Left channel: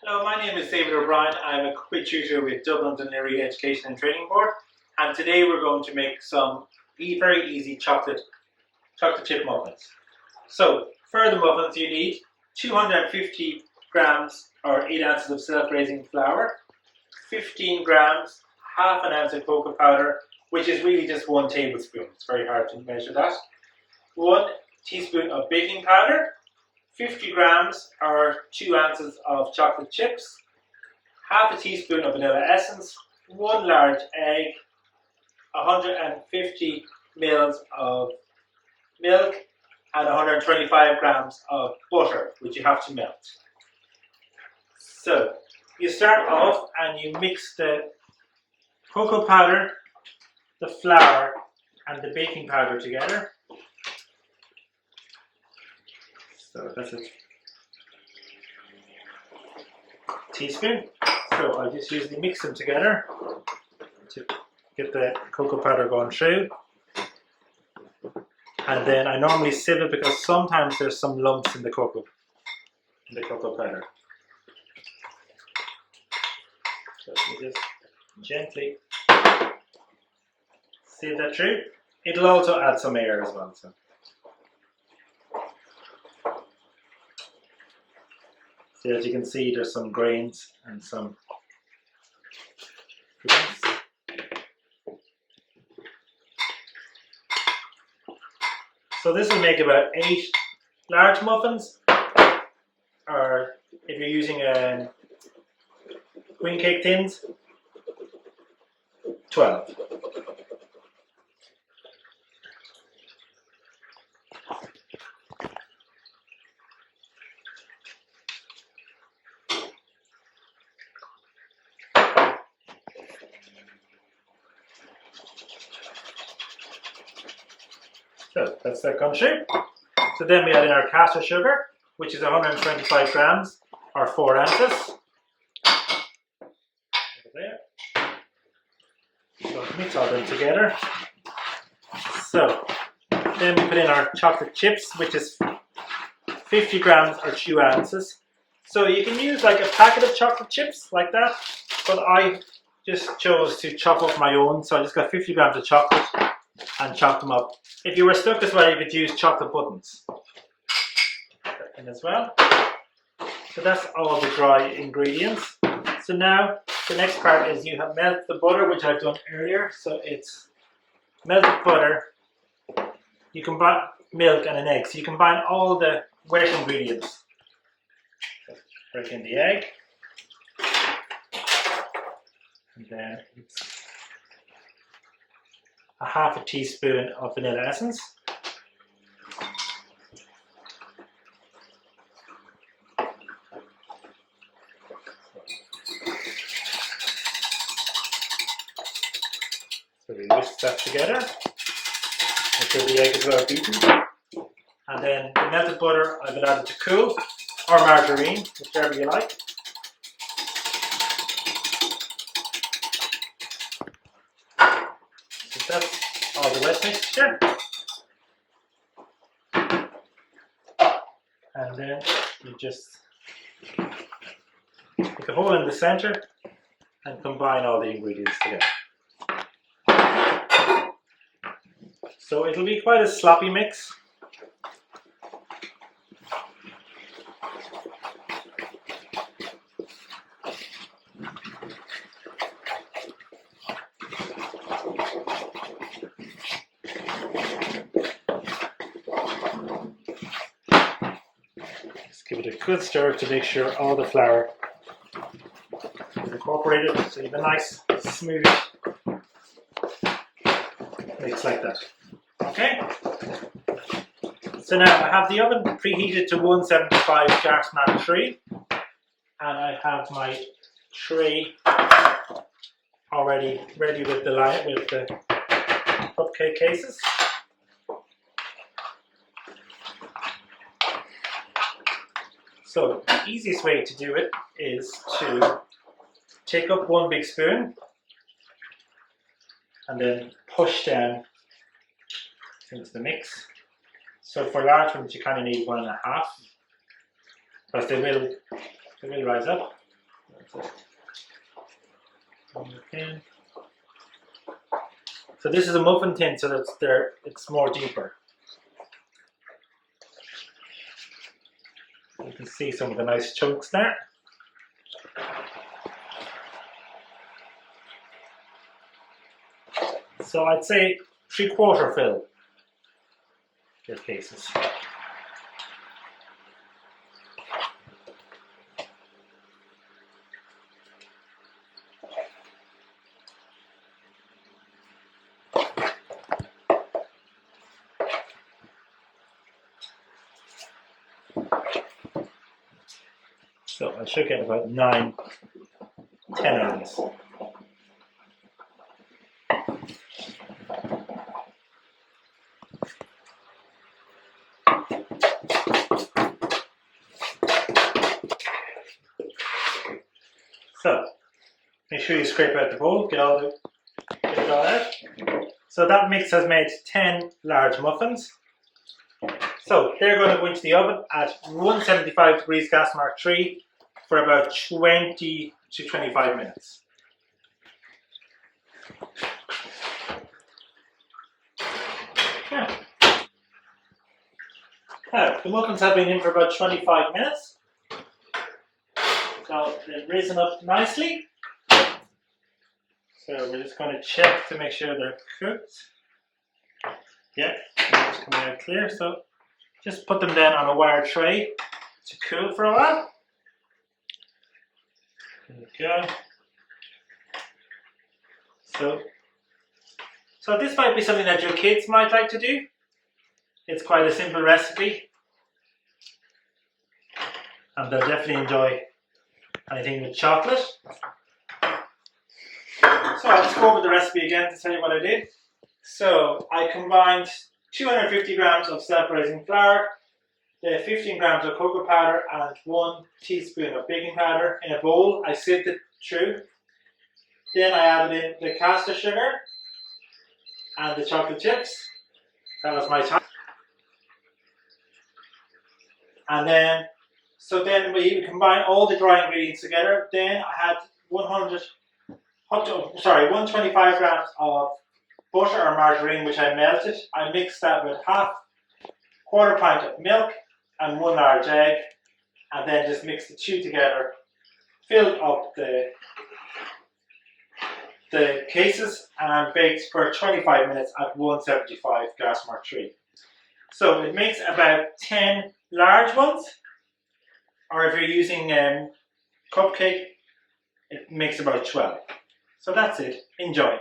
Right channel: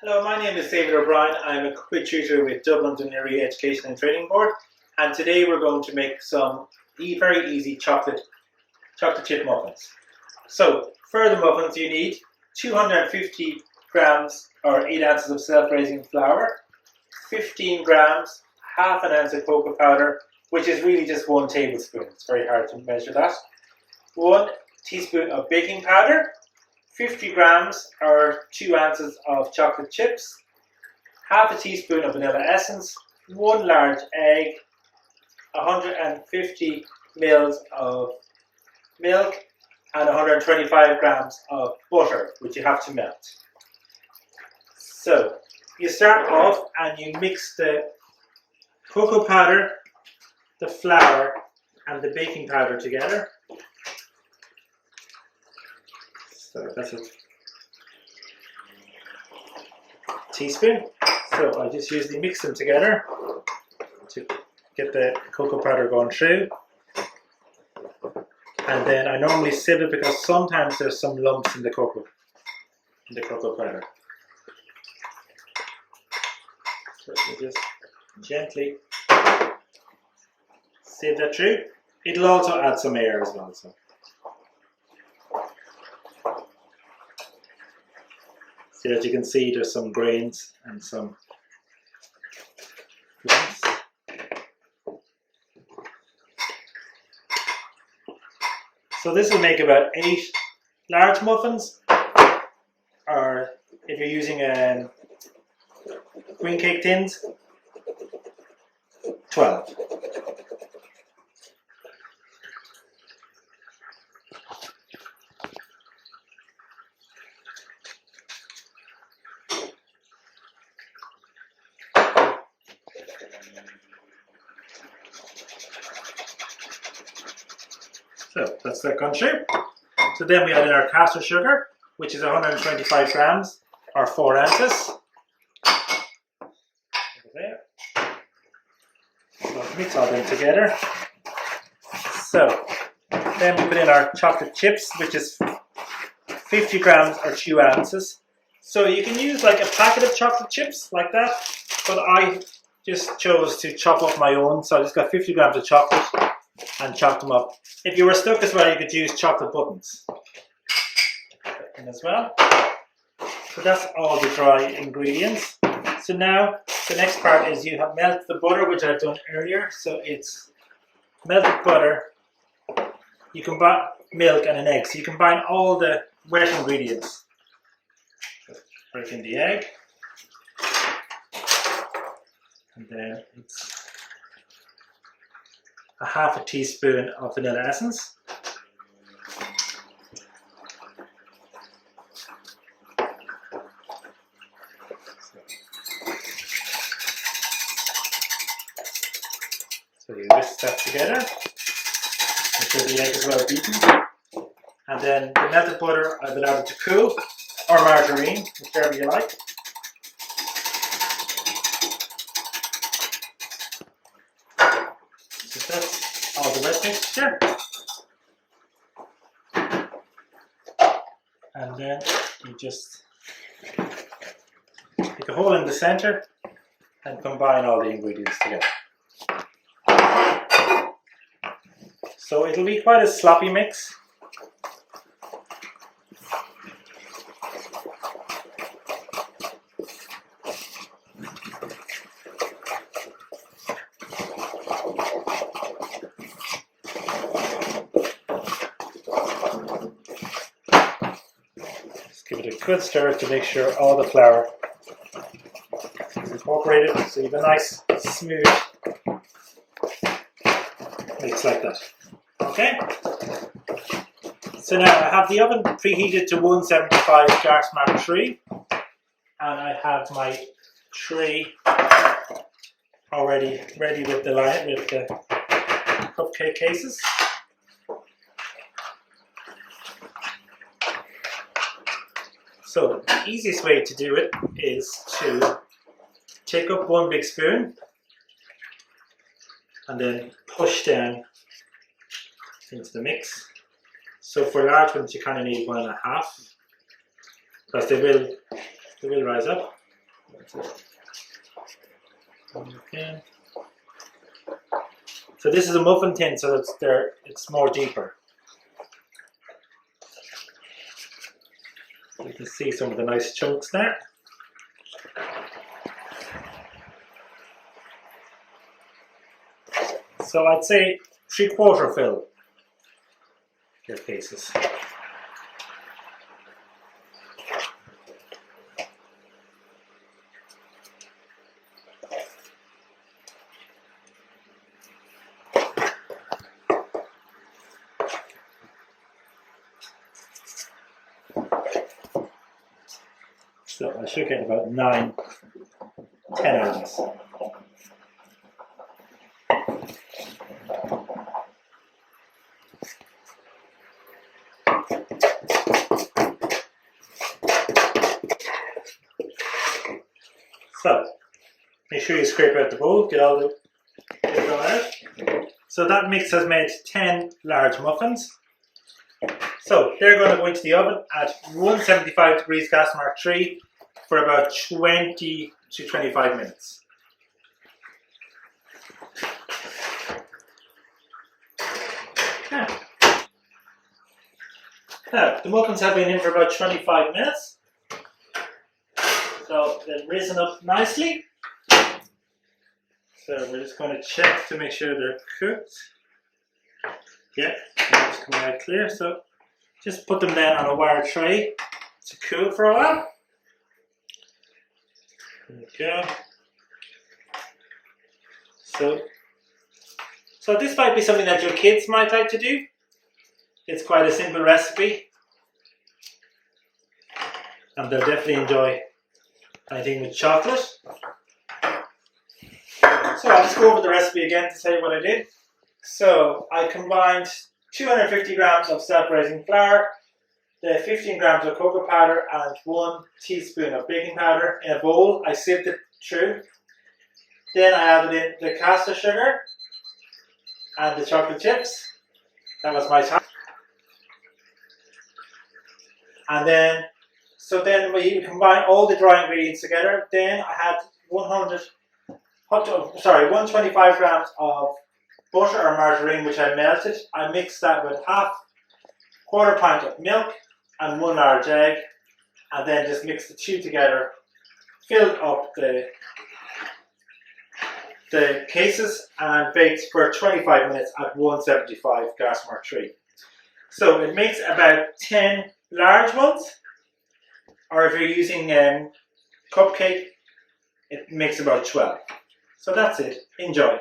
Hello, my name is David O'Brien. I'm a cookery tutor with Dublin's Untitled Education and Training Board, and today we're going to make some very easy chocolate chip muffins. So for the muffins you need 250 grams or 8 ounces of self-raising flour, 15 grams, half an ounce of cocoa powder, which is really just 1 tablespoon. It's very hard to measure that. 1 teaspoon of baking powder, 50 grams or 2 ounces of chocolate chips, half a teaspoon of vanilla essence, 1 large egg, 150 mils of milk, and 125 grams of butter, which you have to melt. So you start off and you mix the cocoa powder, the flour, and the baking powder together. So that's a teaspoon. So I just usually mix them together to get the cocoa powder going through. And then I normally sieve it because sometimes there's some lumps in the cocoa powder. So you just gently sieve that through. It'll also add some air as well. So that you can see there's some grains and some lumps. So this will make about 8 large muffins, or if you're using green cake tins, 12. So that's that gone through. So then we add in our caster sugar, which is 125 grams or 4 ounces. Over there. So mix all them together. So then we put in our chocolate chips, which is 50 grams or 2 ounces. So you can use like a packet of chocolate chips like that, but I just chose to chop up my own. So I just got 50 grams of chocolate and chop them up. If you were stuck as well, you could use chocolate buttons in as well. So that's all the dry ingredients. So now the next part is you have melted the butter, which I've done earlier. So it's melted butter. You combine milk and an egg. So you combine all the wet ingredients. So break in the egg, and then it's a half a teaspoon of vanilla essence. So you whisk that together until the egg is well beaten. And then the melted butter I've allowed it to cool, or margarine, whichever you like. So that's all the wet mixture. And then you just make a hole in the center and combine all the ingredients together. So it'll be quite a sloppy mix. Give it a good stir to make sure all the flour is incorporated, so you have a nice smooth mix like that. Okay? So now I have the oven preheated to 175 dark matter 3, and I have my tray already ready with the cupcake cases. So the easiest way to do it is to take up 1 big spoon and then push down into the mix. So for large ones you kind of need 1.5, because they will rise up. Okay. So this is a muffin tin, so it's more deeper. You can see some of the nice chunks there. So I'd say 3/4 fill your cases. So I should get about 9, 10 of these. So make sure you scrape out the bowl, get all out. So that mix has made 10 large muffins. So they're going to go into the oven at 175 degrees gas mark 3 for about 20 to 25 minutes. Okay. Now, the muffins have been in for about 25 minutes. So they've risen up nicely. So we're just going to check to make sure they're cooked. Yeah, it's coming out clear. So just put them down on a wire tray to cool for a while. There we go. So this might be something that your kids might like to do. It's quite a simple recipe. And they'll definitely enjoy anything with chocolate. So I'll just go over the recipe again to tell you what I did. So I combined 250 grams of self-raising flour, the 15 grams of cocoa powder and 1 teaspoon of baking powder in a bowl. I sieved it through. Then I added in the caster sugar and the chocolate chips. That was my time. And then we combine all the dry ingredients together. Then I had 125 grams of butter or margarine, which I melted. I mixed that with quarter pint of milk and 1 large egg, and then just mixed the two together. Filled up the cases and baked for 25 minutes at 175 gas mark 3. So it makes about 10 large ones, or if you're using cupcake, it makes about 12. So that's it. Enjoy.